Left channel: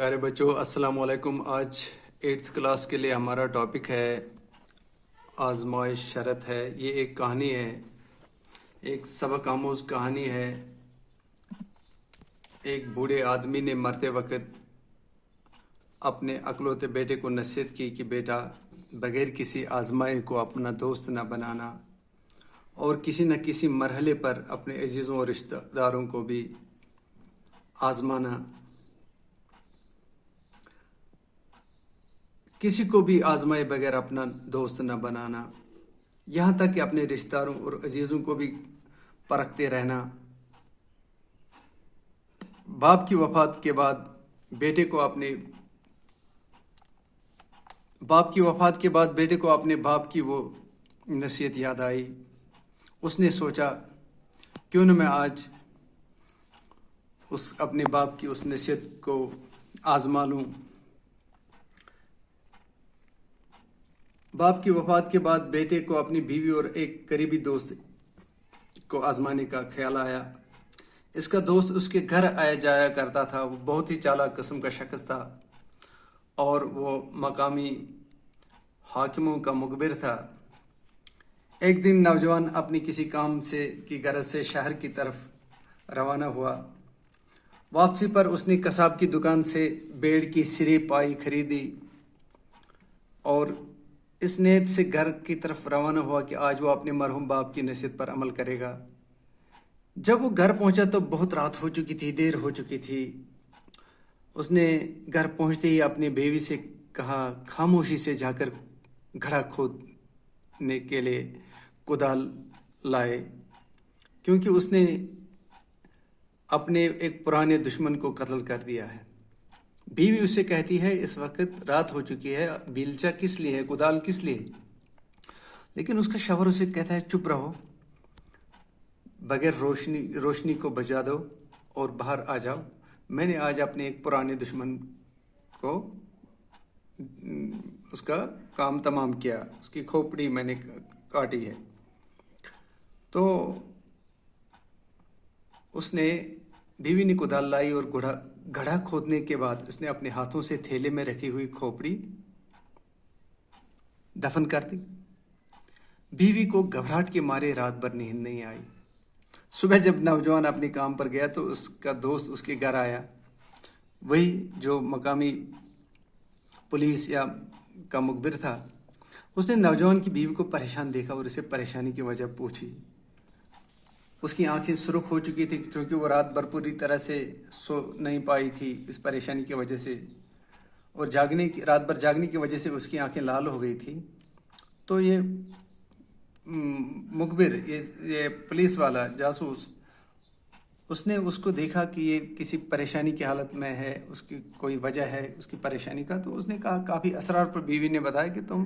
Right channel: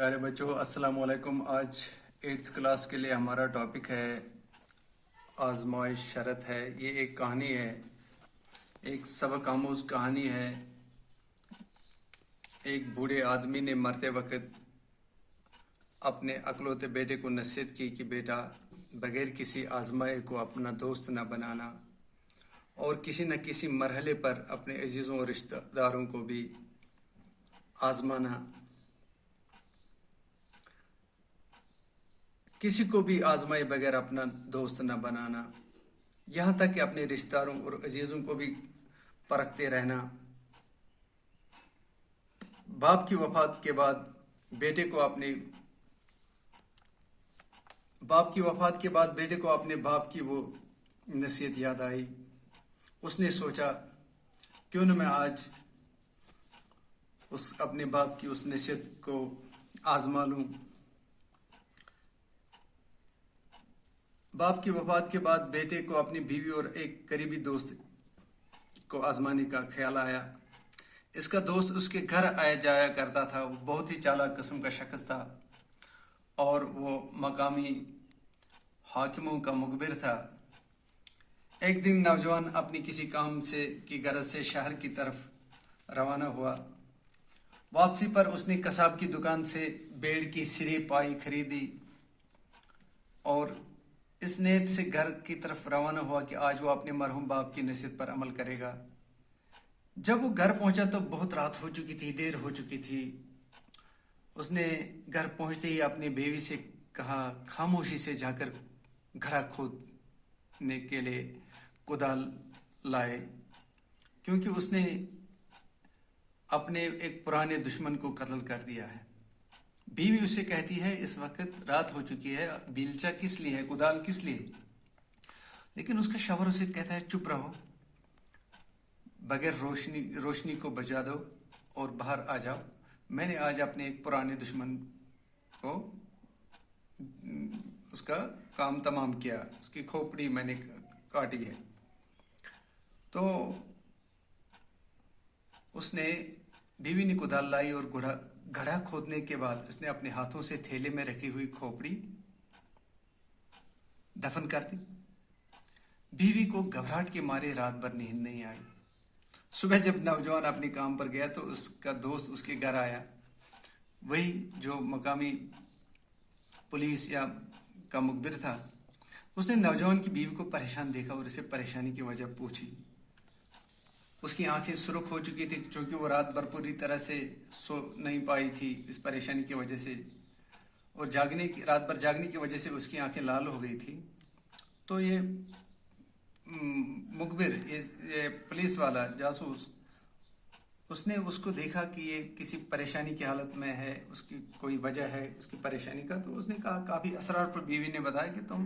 پیارے بچوں، السلام علیکم۔ آج 8th کلاس کے لیے ہمارا ٹاپک ہے آزمائش شرط ہے۔ یہ ایک کہانی ہے، ایک سبق آموز کہانی ہے۔ ایک بوڑھے آدمی نے مرتے وقت اپنے اکلوتے بیٹے کو نصیحت کی کہ بیٹا، بغیر کسی آزمائش کو اپنا دوست نہ بنانا، اور کسی نہ کسی مرحلے پر اپنے عزیزوں اور رشتہ داروں کو بھی آزمانا، کسی کو بھی آزمائے بغیر اپنا دوست نہ بنانا، یہاں تک کہ اپنے رشتہ داروں اور عزیزوں کو بھی پرکھتے رہنا۔ باپ کی وفات کے بعد بیٹے کو اپنے باپ کی وہ نصیحت یاد آئی۔ اس نے سوچا کیوں نہ میں آج اپنے باپ کی اس نصیحت کو آزما لوں۔ باپ کی وفات کے بعد بیٹے کو اپنی بیوی اور ایک قریبی دوست کو آزمانے کا خیال آیا۔ اس کا دوست اس کے گھر آیا جایا کرتا تھا۔ وہ بہت ہی چالاک قسم کا شخص تھا اور وہ مقامی حاکموں کا مخبر تھا۔ ایک دن نوجوان اپنی کسی کام کی غرض سے شہر کی طرف روانہ ہوا۔ واپسی پر اس نے قصاب کی دکان سے بیڑ کی سری پائی خریدی اور اس نیت سے گھر کی طرف روانہ ہوا کہ آج وہ اپنے مرحوم باپ کی نصیحت پر عمل کرے گا۔ جب وہ گھر پہنچا تو بہت رات ہو چکی تھی، دیر ہو چکی تھی۔ اس نے گھر پہنچتے ہی اپنی بیوی سے کہا خاموشی سے جا کر گڑھا کھودنے کے لیے کدال لائے، کیونکہ اس نے اپنے ایک پرانے دشمن کو قتل کر دیا ہے۔ بیوی اسے کہتی ہے اس وقت رات ہو چکی ہے، بیلچا کس لیے ہے، کدال کس لیے؟ لیکن اس کا شوہر اسے کہتا ہے چپ رہو، بغیر روشنی کو بجھا دو اور باہر آ جاؤ۔ میں نے آج اپنے ایک پرانے دشمن کو اس کا کام تمام کیا، اس کی کھوپڑی میں نے کاٹی ہے۔ تو اس نے بیوی نے کدال لائی اور گڑھا کھودنے کے بعد اس نے اپنے ہاتھوں سے تھیلے میں رکھی ہوئی کھوپڑی دفن کر دی۔ بیوی کو گھبراہٹ کے مارے رات بھر نیند نہیں آئی۔ صبح جب نوجوان اپنے کام پر گیا تو اس کا دوست اس کے گھر آیا، وہی جو مقامی پولیس کا مخبر تھا۔ اس نے نوجوان کی بیوی کو پریشان دیکھا اور اسے پریشانی کی وجہ پوچھی۔ اس کی آنکھیں سرخ ہو چکی تھی چونکہ وہ رات بھر پوری طرح سے سو نہیں پائی تھی اس پریشانی کی وجہ سے، اور رات بھر جاگنے کی وجہ سے اس کی آنکھیں لال ہو گئی تھی۔ تو یہ مخبر، یہ پولیس والا جاسوس، اس نے اس کو دیکھا کہ یہ کسی پریشانی کی حالت میں ہے، اس کی کوئی وجہ ہے اس کی پریشانی کا۔ تو اس نے کہا کافی اسرار پر بیوی نے بتایا کہ تم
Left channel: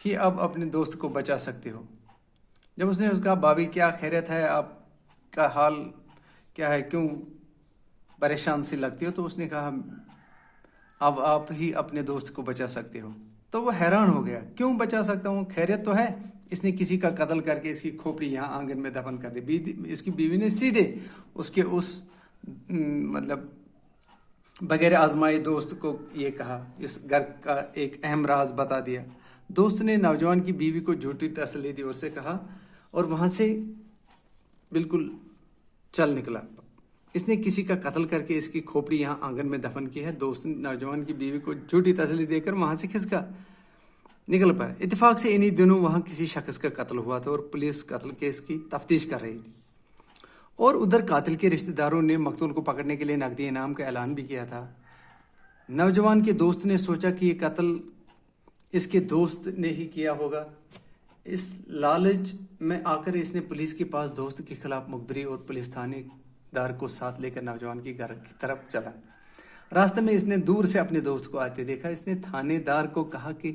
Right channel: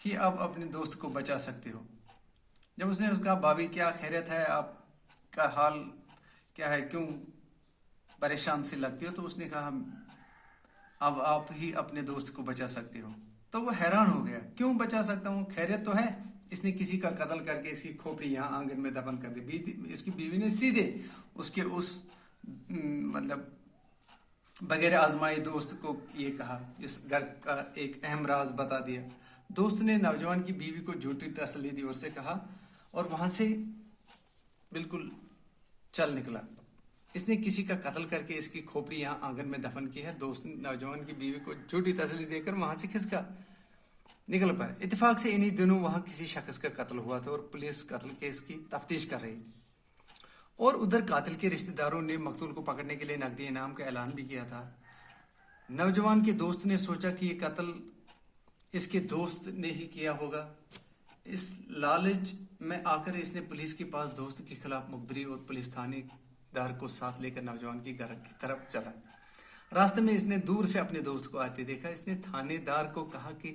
ہی اب اپنے دوست کو بچا سکتے ہو۔ جب اس نے کہا بھابھی کیا خیریت ہے، آپ کا حال کیا ہے، کیوں پریشان سی لگتی ہو؟ تو اس نے کہا اب آپ ہی اپنے دوست کو بچا سکتے ہو۔ تو وہ حیران ہو گیا، کیوں بچا سکتا ہوں، خیریت تو ہے؟ اس نے کسی کا قتل کر کے اس کی کھوپڑی یہاں آنگن میں دفن کر دی۔ اس کی بیوی نے سیدھے اس کے بغیر آزمائے دوست کو یہ کہا، اس گھر کا ایک اہم راز بتا دیا۔ دوست نے نوجوان کی بیوی کو جھوٹی تسلی دی اور اسے کہا، اور وہاں سے بالکل چل نکلا۔ اس نے کسی کا قتل کر کے اس کی کھوپڑی یہاں آنگن میں دفن کی ہے۔ دوست نے نوجوان کی بیوی کو جھوٹی تسلی دے کر وہاں سے کھسکا نکل پایا۔ اتفاق سے انہی دنوں وہاں کسی شخص کا قتل ہوا تھا اور پولیس قتل کیس کی تفتیش کر رہی تھی، اور ادھر قاتل کے رشتہ داروں نے مقتول کو پکڑنے کے لیے نقدی انعام کا اعلان بھی کیا تھا۔ نوجوان کے دوست نے سوچا کہ یہ قتل اس کے دوست نے ہی کیا ہوگا۔ اس لالچ میں آ کر اس نے پولیس کے پاس دوست کے خلاف مخبری اور پولیس تھانے دار کو ساتھ لے کر نوجوان کے گھر کی طرف چلا۔ راستے میں اس نے دور سے اپنے دوست کو آتے دیکھا۔ اس نے تھانے دار کو کہا کہ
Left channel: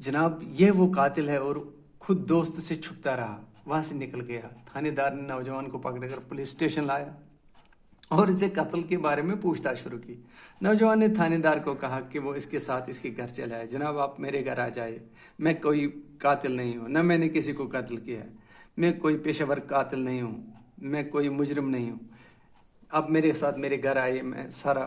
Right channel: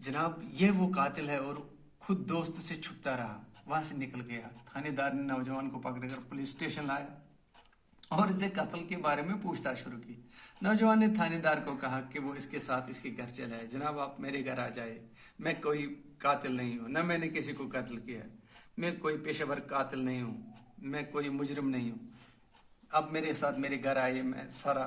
جناب یہ وہ قاتل ہے، اور خود دوست سے چھپتا رہا، وہاں سے نکل گیا۔ تھانے دار نے نوجوان کو پکڑ کر پولیس اسٹیشن لایا اور اسے قتل کے بارے میں پوچھ تاچھ شروع کی۔ نوجوان نے تھانے دار کو کہا کہ وہ اس کے ساتھ اس کے گھر چلے آئے۔ جناب آپ میرے گھر آ جائے، میں کوئی قاتل نہیں ہوں، نہ میں نے کسی کو قتل کیا ہے، میں کوئی پیشہ ور قاتل نہیں ہوں، میں کوئی مجرم نہیں ہوں، آپ میرے ساتھ میرے گھر آئے، میں سارا